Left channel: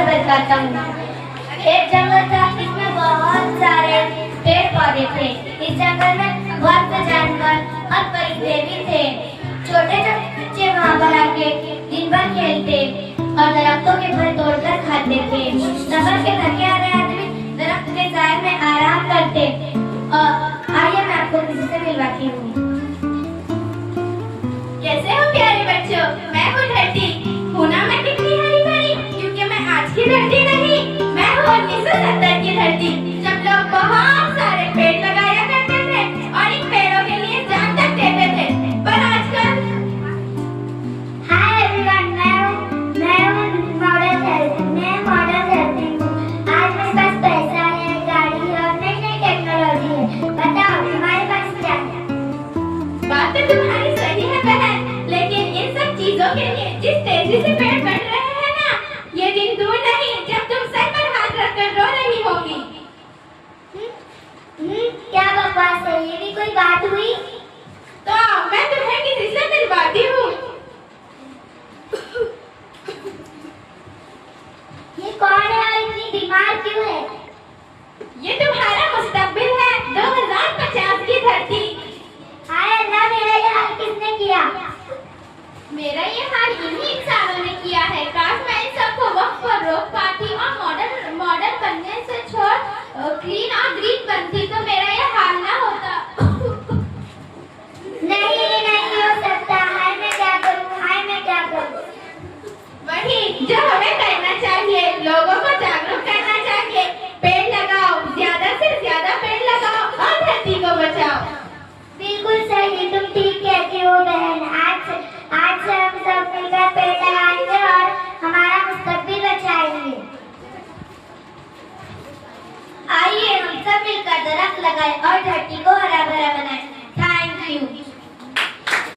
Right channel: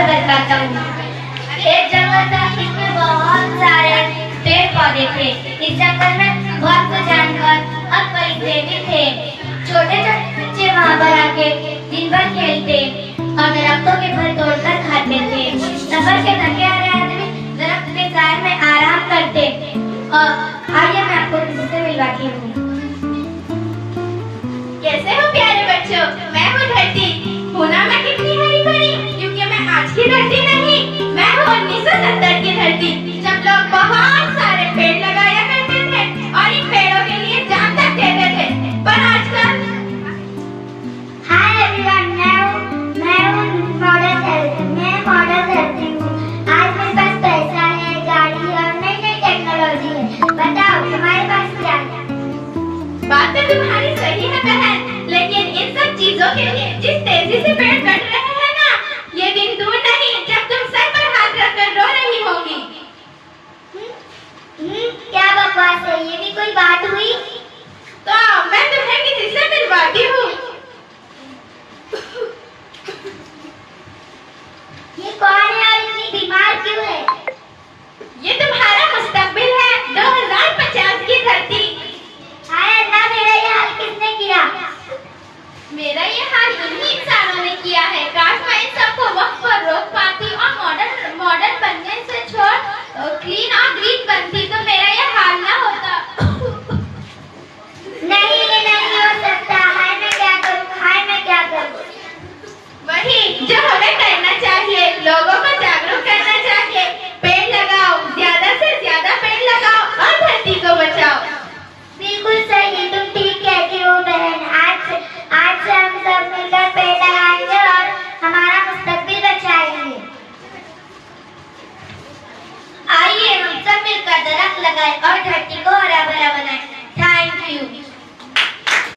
से बताता हूँ। एक जंगल था, इसमें बहुत सारे पेड़ पौधे थे। इस जंगल में बहुत से जानवर और परिंदे भी थे। छोटे छोटे बच्चे वहाँ पर आके दिन भर खेलते और दरख्तों के फल तोड़कर खाते थे। सफर के थके हारे आदमी दरख्त के साए में आराम करते। और आइए मैं आपको किसी से मिलवाती हूँ। कैसे हो प्यारे बच्चों? मैं हूँ धरती। हूँ ना मैं कितनी हरी भरी, क्योंकि मैं आज की धरती नहीं, मैं हूँ 1970 की धरती, जब लोग बहुत सारे पेड़ लगाया करते थे और इन पेड़ों के लिए जान तक देते थे। पर आजकल हाय एवरीवन, मैं हूँ मॉडर्न हेल्थ। मैं मॉडर्न हेल्थ हूँ। आज मेरे पास पैसा है, गाड़ी है और नई नई टेक्नोलॉजी है। बताओ तुम्हारे पास क्या है? बात तो तुम्हारी सही है बहन, लेकिन इन सब चीजों के लिए जिस तेजी से पेड़ कट रहे हैं ना, ये दिन दूर नहीं जब तुम सर पर हाथ रखकर रो रही होगी। क्या बकवास है? ये भी कोई बात हुई? तो आओ, मैं तुम्हें किसी से मिलवाती हूँ। ये कौन है और इतनी बीमार क्यों है? ये तुम्हारा मुस्तकबिल है, 2050 की धरती। हाय अल्लाह, मेरा ये हाल किसने किया? मेरा ये हाल इन्हीं इंसानों ने किया है। काश मैं इन सबको वक्त पर रोक पाती और मॉडर्न बनने से छोड़ क्लीन और ग्रीन बनती, तो मेरा ये हाल ना होता। नहीं, ये नहीं हो सकता। हाय मैं क्या करूँ? हाय मैं क्या करूँ? वही जो हमें करना चाहिए, लोगों को जागरूक करना चाहिए। पेड़ लगाओ, ज्यादा से ज्यादा पेड़ लगाओ और धरती को बचाओ। बिल्कुल सही, तुम ठीक कहती हो बहन। आज से हम सब मिलकर पेड़ लगाएंगे और हमारा मुस्तकबिल बचाएंगे। आइए हम सब मिलकर दरख्त लगाएं और धरती को हरा